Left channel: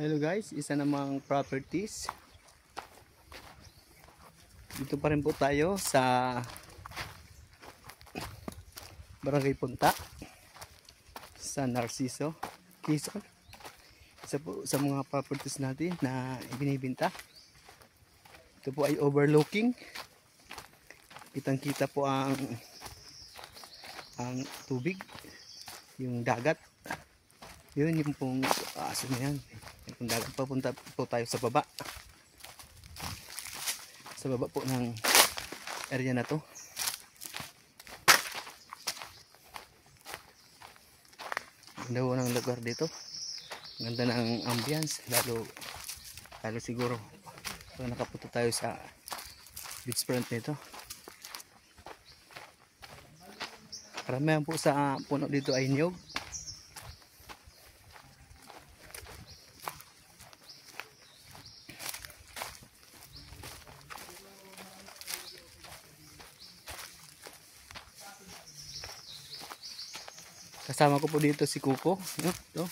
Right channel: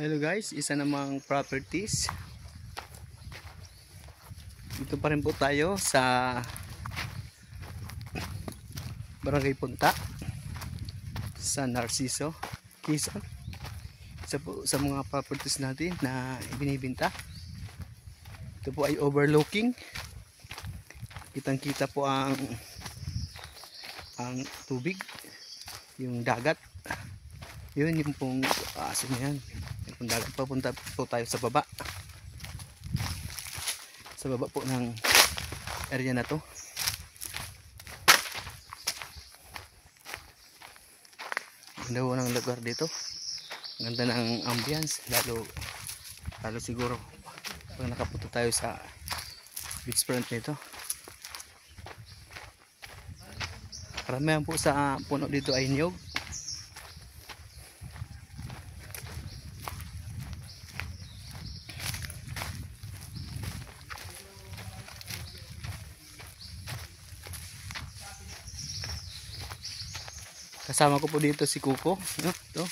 Hello guys, isa namang properties. Dito pa rin po tayo sa Barangay Punta sa Narciso, Quezon. Isa po sa mga properties natin na binibenta. Ito po ay overlooking. Kitang-kita po ang tubig, yung dagat. Yun yung pong aso na yan. Yung dagat, papunta po tayo sa baba. Sa baba po ng area na to. Ganda po ng lugar dito. Ganda ng ambience. Lalo siguro pag nakapunta tayo sa beach front nito. Karamihan po sa puno dito ay niyog. Kasama ko po dito si Kuko, no? Ito.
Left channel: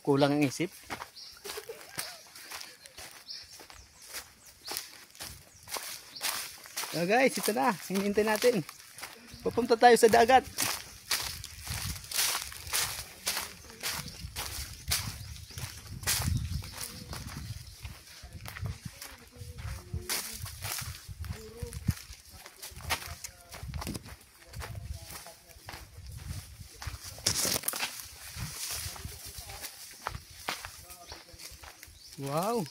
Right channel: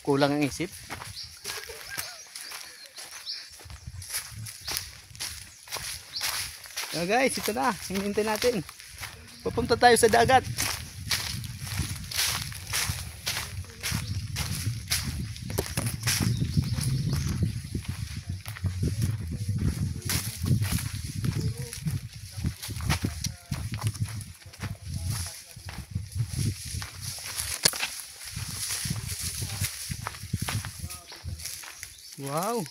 Kulang ang isip. So guys, ito na. Hinihintay natin. Pupunta tayo sa dagat. Wow,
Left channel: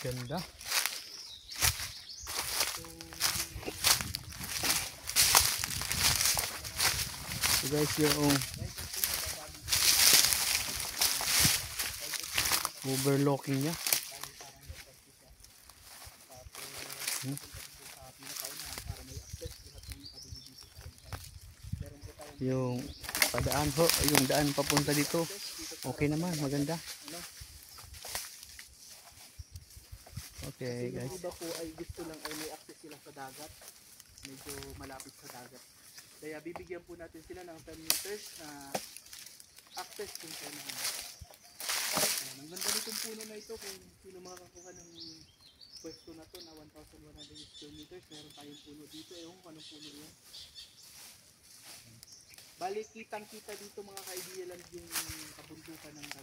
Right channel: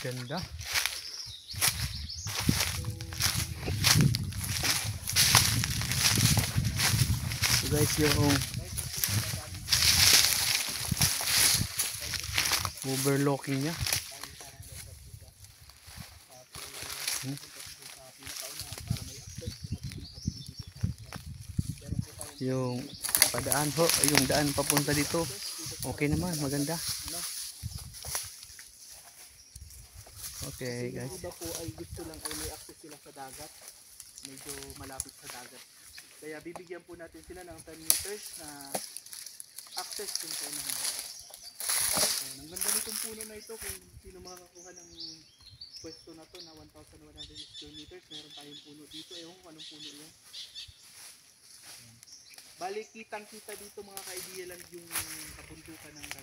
ganda. So guys, yung overlooking niya. Yung padaan ho, yung daan papunta dito. Okay naman, maganda. Okay guys. Yung iba po ay gusto lang ay may access sila sa dagat. Medyo malapit sa dagat. Kaya bibigyan po natin sila ng 10 meters na access kung saan naman. Ang ganda nitong puno na ito kung sino makakakuha ng pwesto na to na 1,100 square meters. Meron tayong puno dito. Ewan ko anong puno yan. Balik kitang kita dito mga kaibigan yung kabundukan ng